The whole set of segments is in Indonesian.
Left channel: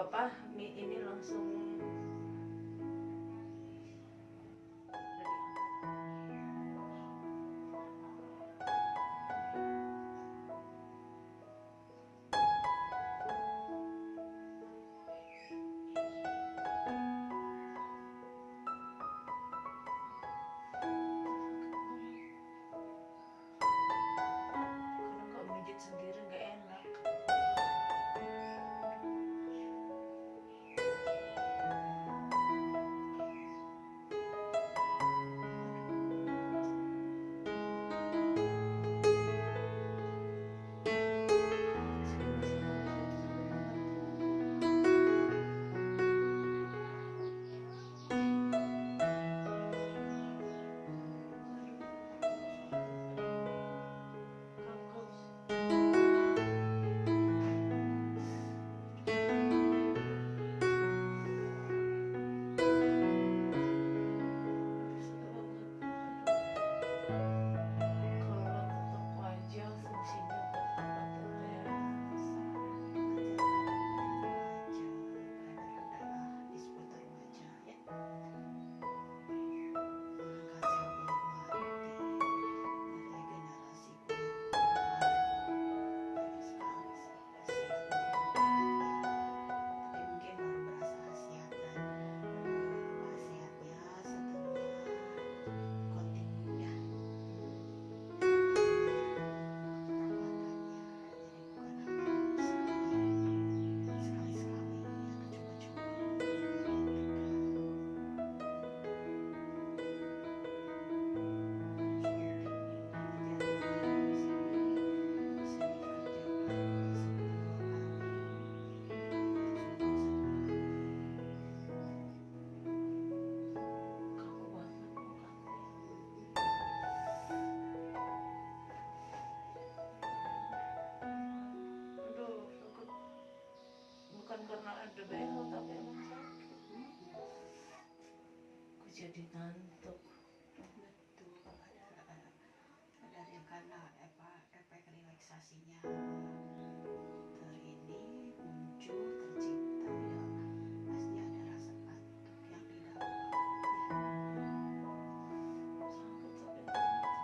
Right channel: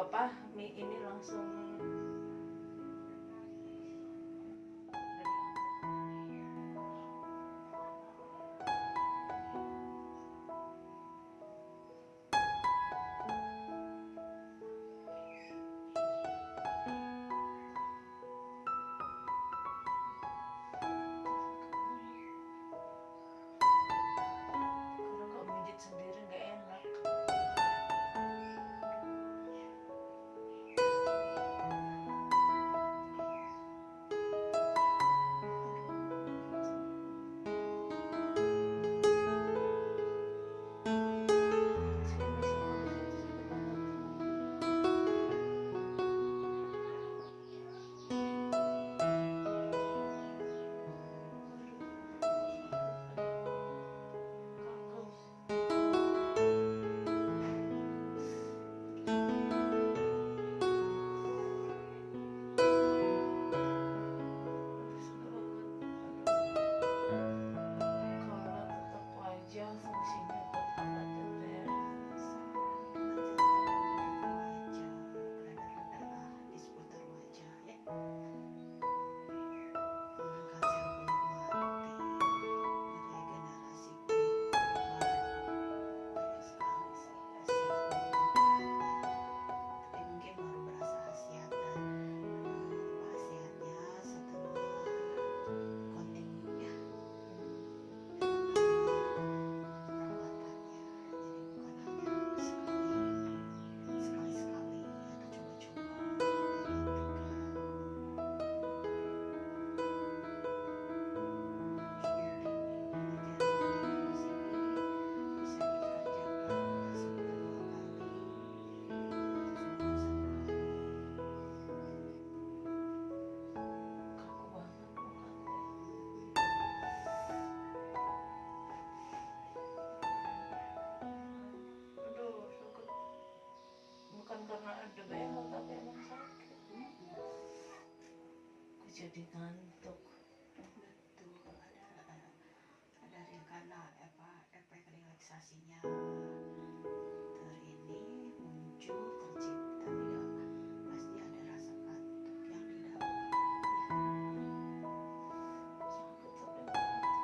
apa-apa, mie ini langsung karena kalau mijit sendiri nggak enak. Bukan karena ada behel tapi emang sakit. Aku jadi ngantuk. Betul, ada yang karena efek relaksasinya ini muncul tercipta ya, pasti ada rasa kantuk yang didapat ya. Sakit tapi ngantuk.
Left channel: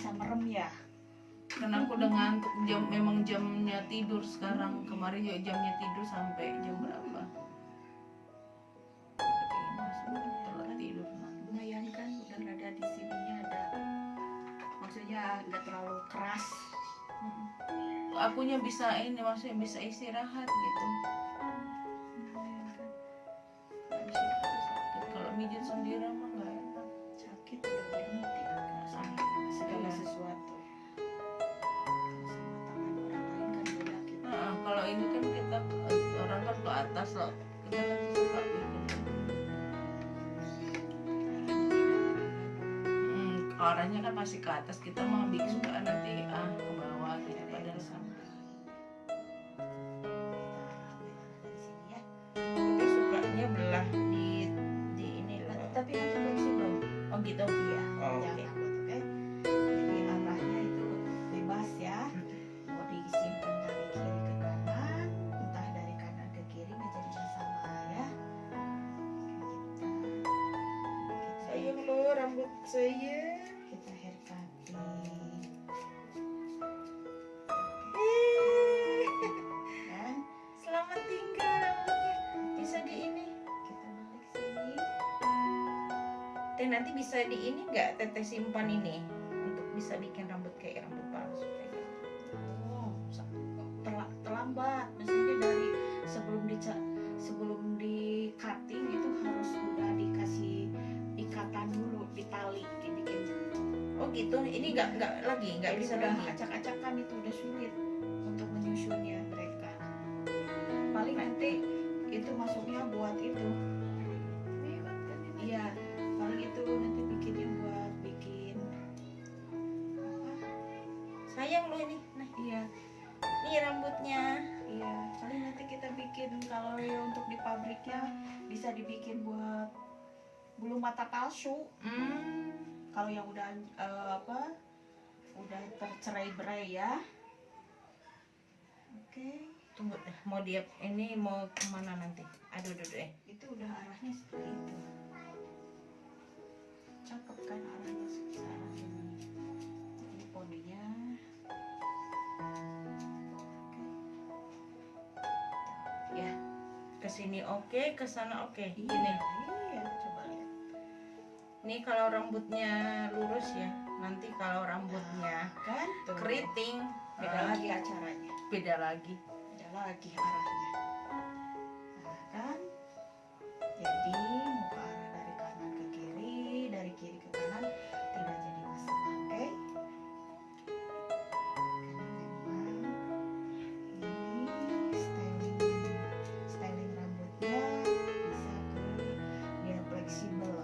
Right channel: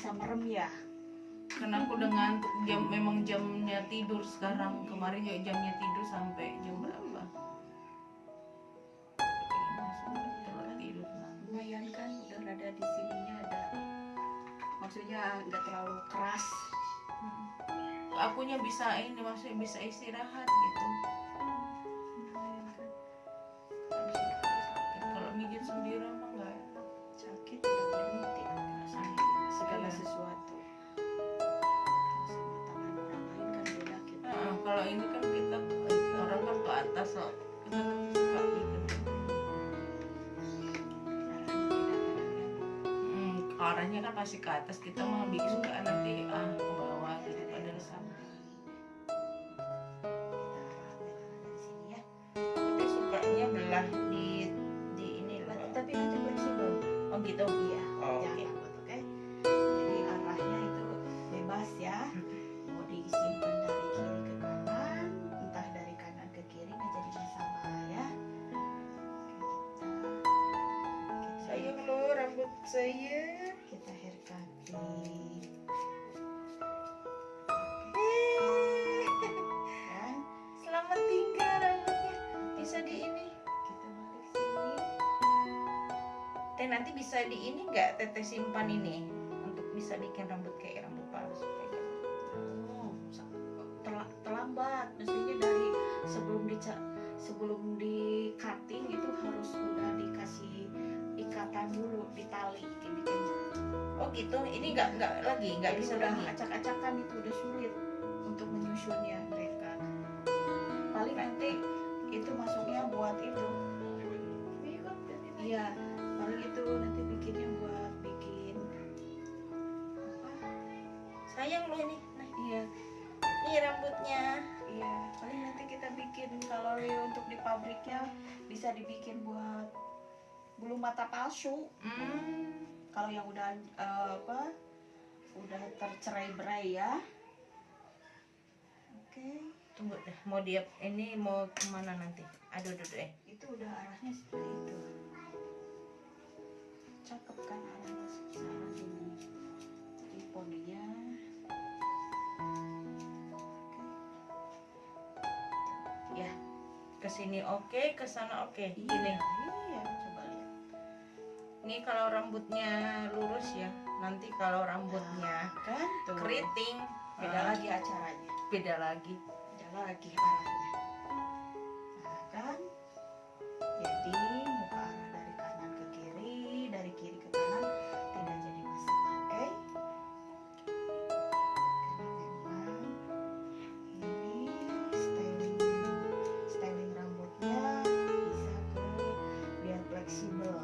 bisa merem ya. Karena aku udah ngantuk, memang jamnya tidur sekarang. Kemarin juga jamnya tidur sampai jam berapa? Telat tidur nanti. Lumayan kan, udah ada di sininya ada. Maksudnya nggak terlalu keras. Akunya bisa ini, maksudnya bisa istirahat gitu. Lumayan kan. Nggak bisa sakit. Kalau mijit sendiri mah nggak enak. Sakit udah berhenti. Segala Iya. sesuatu. Sama tangan orang lain kan beda kita. Kalau ini kan kita orang kan ke atas loh. Kita nanti suka bikin. Arahnya kan pasti ke atas, kita mah bikin suka nanti ke bawah gitu padahal sama. Aku tuh sukanya belah di ini loh. Tapi nanti fleksibel. Oh gitu. Iya. Oh, Jangan oke. takut, oke? Jadi arahnya itu bebas ya. Mau disimpan dari kiri ke kanan, entah dari kanan ke kiri nggak jadi masalah ya. Sayang lo rambut saya. Kita haircutting. Kan? Selamat tinggal rambutnya. Bisa di ini. Kita balik sini. Teh nanti bisa di ini nggak teteh simpan ini untuk bisa bikin rambut kayak rambut palsu kayak gitu. Oh, terlambat. Mestinya dari sebelum di cutting itu harus udah dikasih ikatan dulu, ditali, dibikin. Oh gitu. Ini nggak lagi nggak Jadi bisa udah lagi. acak-acakan itu udah sulit untuk menyusunnya mereka. Paling nanti itu masuknya buat itu. Iya, paling itu nanti bikinnya buat bikin apa? Sayang lo ini. Nah, Iya, ini rambutnya. iya. Paling nanti kita bikin kalau ya untuk di pabriknya bisa dibikin buat bulu mata palsu. Kalau yang udah udah tercerai-berai ya. Oke. Tunggu deh, mau dia ini mau kemana nanti? Aduh, Itu udah arahnya seperti itu. Cakep kan arahnya sekarang ini. Jadi poninya. Oke. Ya, kesini oke, kesana oke. iya, Gini, iya, coba lihat. ini kalau rambutnya lurus ya. Nanti kalau rambutnya Kan tuh. keriting, Beda lagi acaranya. beda lagi. Beda lagi arahnya. Nah, kan? Jadi muka arah dari kanan ke kiri, dari kiri ke kanan tidak jadi masalah, oke? Karena memang ini styling rambutnya bisa ke biar fleksibel.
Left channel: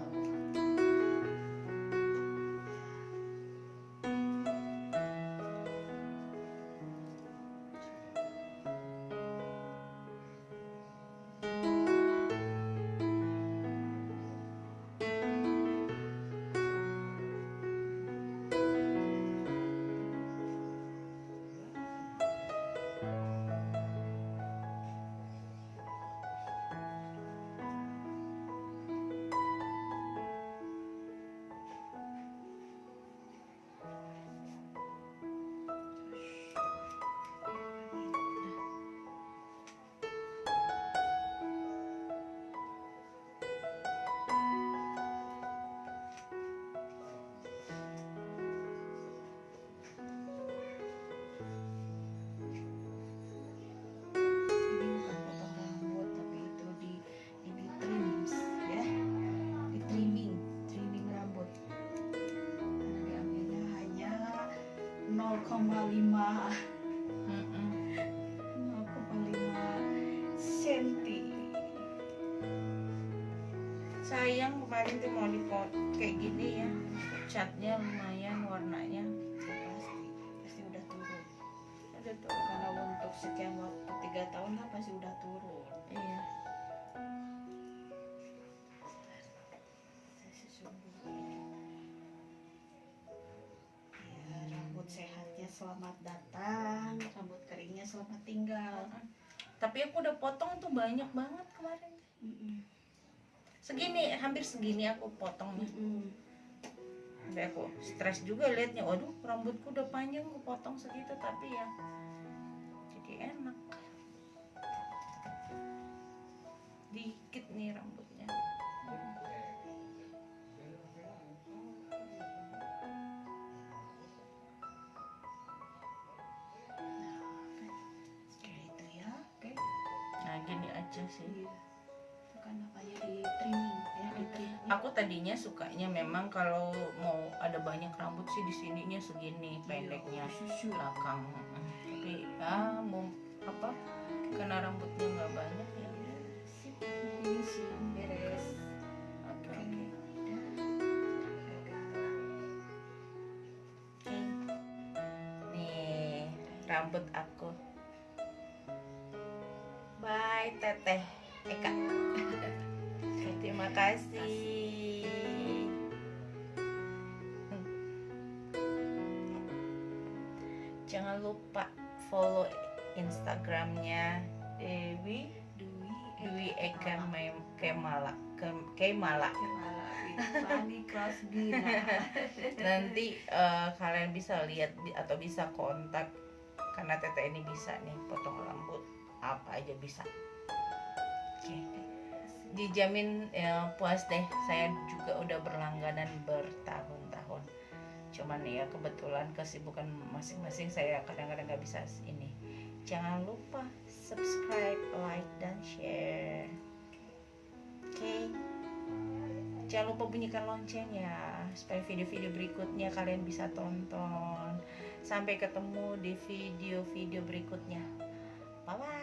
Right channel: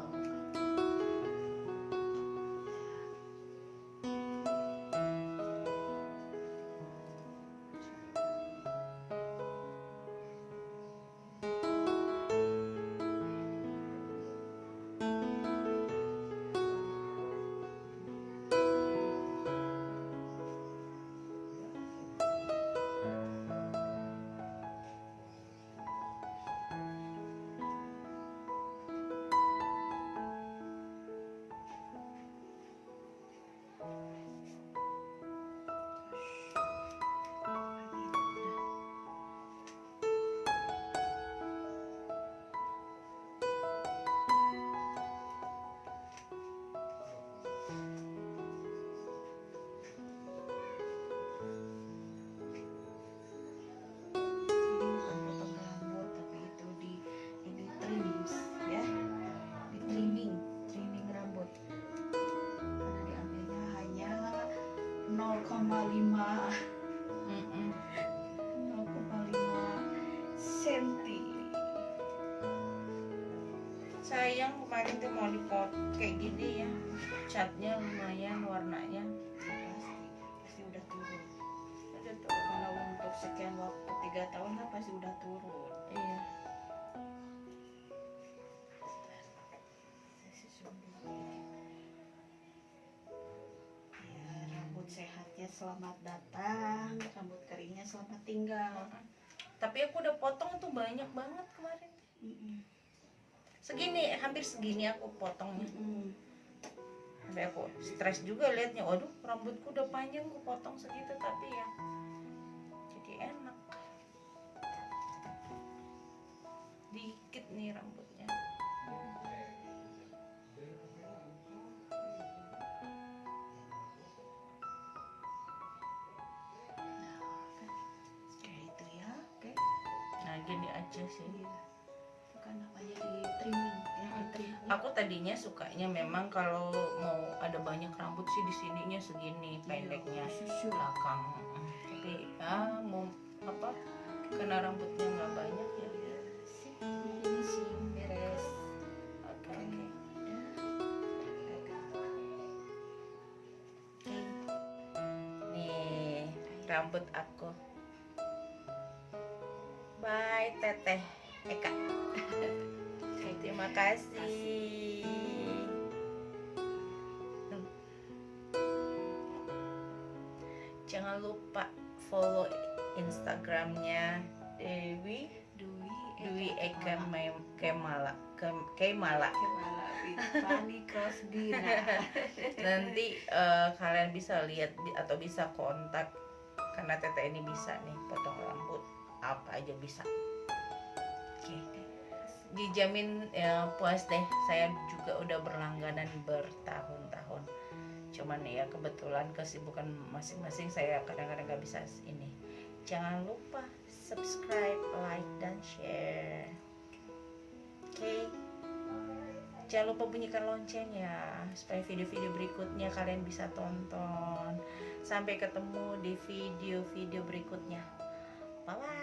Mm-mm. 0,5 senti. Sayang kemarin tuh mau dipot kayak gini ya, catnya lumayan warnanya. Pasti udah turun. Udah tuh. Kalau untuk sekian waktu 3 tahun kan pasti udah turun. Iya. Saya susun dulu. Ya, rambut sehatnya selamat datang, rambut keringnya selamat tinggal. Tapi aku udah potong tuh banyak banget kemarin. Mm-mm. Segini, hampir segini aku potongnya. Mm-mm. Sampai aku stres juga liatnya, waduh rambutku udah panjang, aku potong segitu tapi ya jadi enak. Dikit nih rambutnya. Nah, kan kayak itu ya. Oke. Nah gini aja sih. Iya. Itu kan namanya di trimming ya, di trimming. Aku tadinya sukanya memang kalau mau ada banyak rambut sih di sininya segini pendeknya Susu. belakang. Tapi mau apa? Karena rambutnya nggak banyak ya. Sip. Ini sih beres. Oke. Nih rambut aku. Bye Teteh Eka. Terima kasih. Jangan lupa follow Instagramnya Dwi Eka Kemala. Kepala Fanny Crosby. Nanti kalian bisa lihat atau bisa kontak, karena Teteh ini bisa nih potong rambut apa aja bisa. Oke. Dijamin puas deh. Saya juga udah berlangganan bertahun-tahun. Cuman ya kebetulan kesibukan masing-masing, saya kadang-kadang nggak bisa ini. Jangan lupa subscribe, like, dan share. Oke. Jangan lupa bunyikan lonceng ya, supaya video-video berikutnya kalian bisa tonton. Sampai ketemu di video-video berikutnya. Bye-bye.